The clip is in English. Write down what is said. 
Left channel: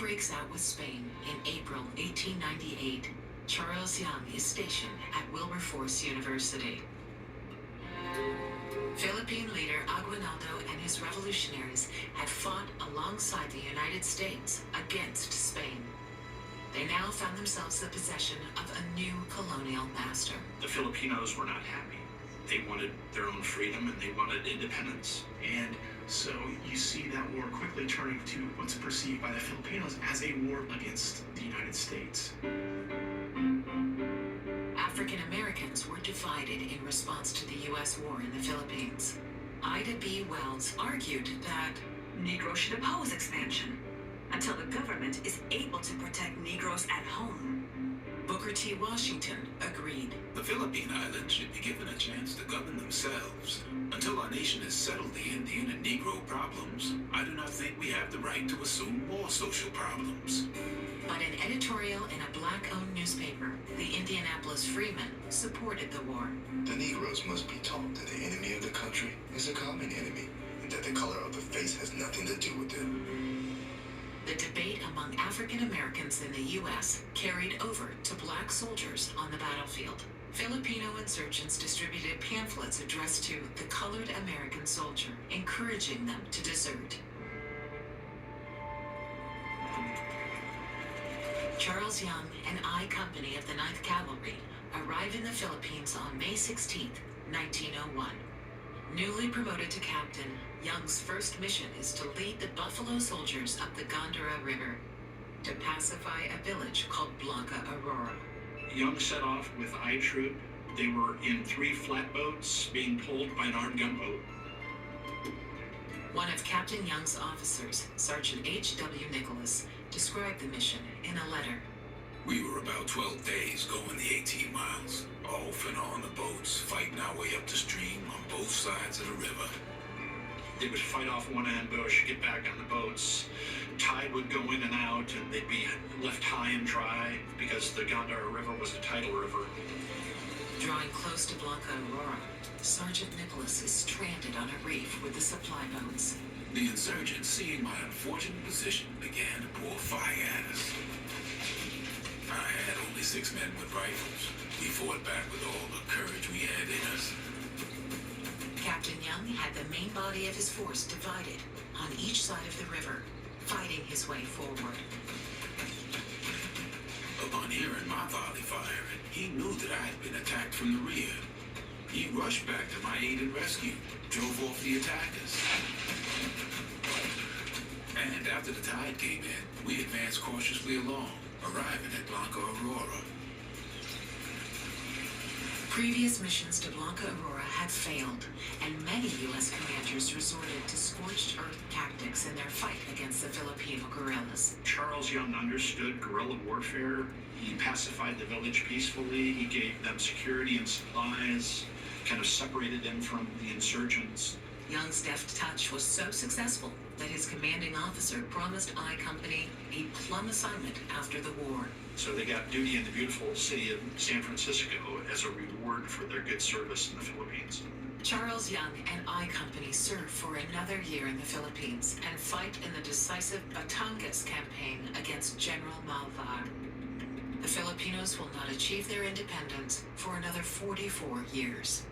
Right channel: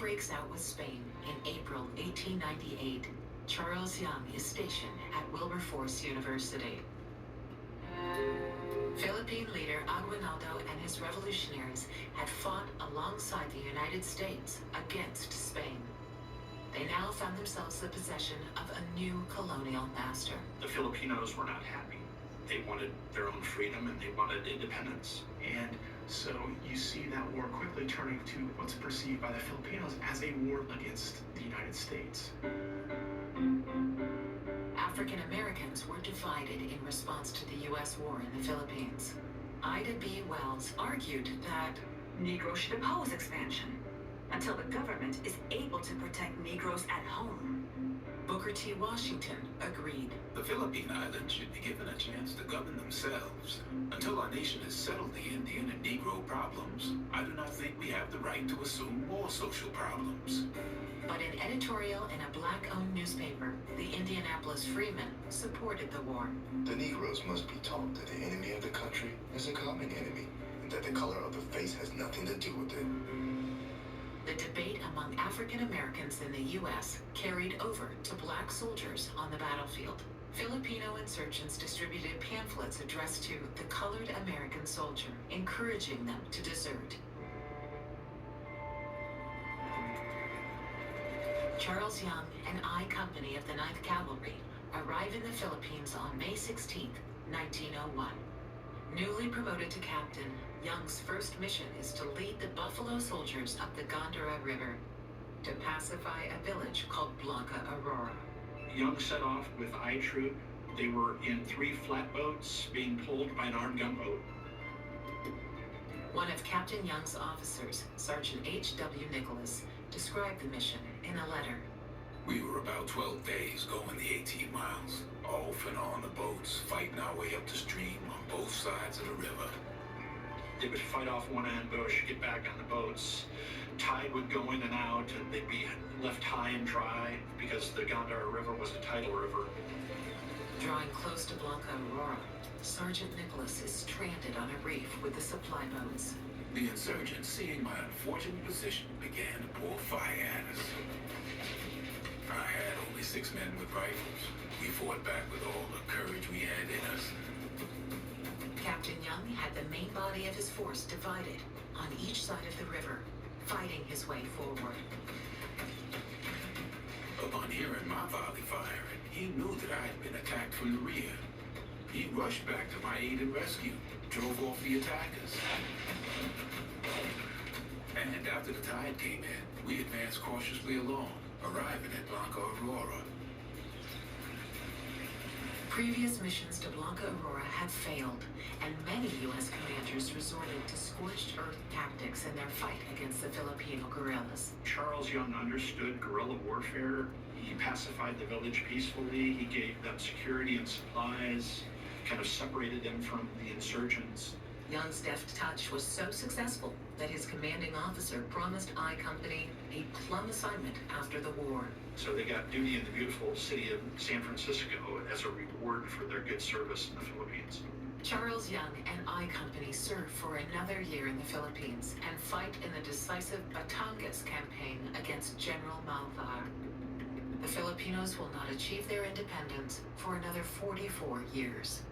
breaks out with Spain in April 1898. Charles Young is stationed at Wilberforce University. Philippine leader Aguinaldo and his revolutionaries had fought alongside the United States against Spain. They now found themselves the possession of a new colonial master. The Filipinos were not happy. They wanted their own freedom and they wanted independence. And so you see that war quickly turning to what's perceived by the Filipinos as a war against the United States. African Americans were divided in response to the U.S. war in the Philippines. Ida B. Wells argued that Negroes should oppose expansion until the government is able to protect Negroes at home. Booker T. Washington agreed. The Philippine Islands should be given a chance to govern themselves. Until our nation has settled the Indian and Negro problems, I do not think we have the right to assume more social problems. But an editorial in a black-owned newspaper, the Indianapolis Freeman, supported the war. The Negroes must be taught that the enemy of the country is a common enemy, and that the color of the face has nothing to do with it. The debate among African Americans in the U.S. carried over to black soldiers on the battlefield. Filipino insurgents distributed pamphlets addressed to the colored American soldier, encouraging them to desert. Charles Young and I Company of the 9th Cavalry arrive in the Philippines on May 16, 1901. Newly promoted to captain, Young's first mission is to lead the Buffalo Soldiers up the Gondara River to pacify a village called Blanca Aurora. Young set off with I Troop. They were in 3 flatboats being pulled by an armed gunboat. One of Captain Young's officers, Sergeant H.W. Nicholas, described the mission in a letter. We were about 12 days going the 18 miles, off and on the boats, fighting our way up the stream on both sides of the river. They would fight off one ambush, get back on the boats. Tide would go in and out, and they'd be left high and dry because the Gondara River was a tidal river. Drawing close to Blanca Aurora, Sergeant Nicholas is stranded on a reef with the supply boats. The insurgents, seeing my unfortunate position, began to pour fire at us. I had only 6 men with rifles. We fought back with all the courage we had in us. Captain Young had the main body of his force divided on each side of the river, fighting his way forward. Upon hearing my volley firing, he knew that I had been attacked from the rear. He rushed back to my aid and rescue, drove off the attackers. And after the tide came in, we advanced cautiously along, arriving at Blanca Aurora. Previous missions to Blanca Aurora had failed, and many U.S. commanders resorted to scorched earth tactics in their fight against the Filipino guerrillas. Charles Young understood guerrilla warfare. He pacified the village peacefully. He gave them security and supplies, kind of separated them from the insurgents. Young's deft touch was so successful that his commanding officer promised I Company a plum assignment after the war. So they got duty in the beautiful city of San Francisco as a reward for their good service in the Philippines. Charles Young and I Company serve for another year in the Philippines and fight in the decisive Batangas campaign against General Malvar. The Filipinos will not achieve their independence for another 44 years.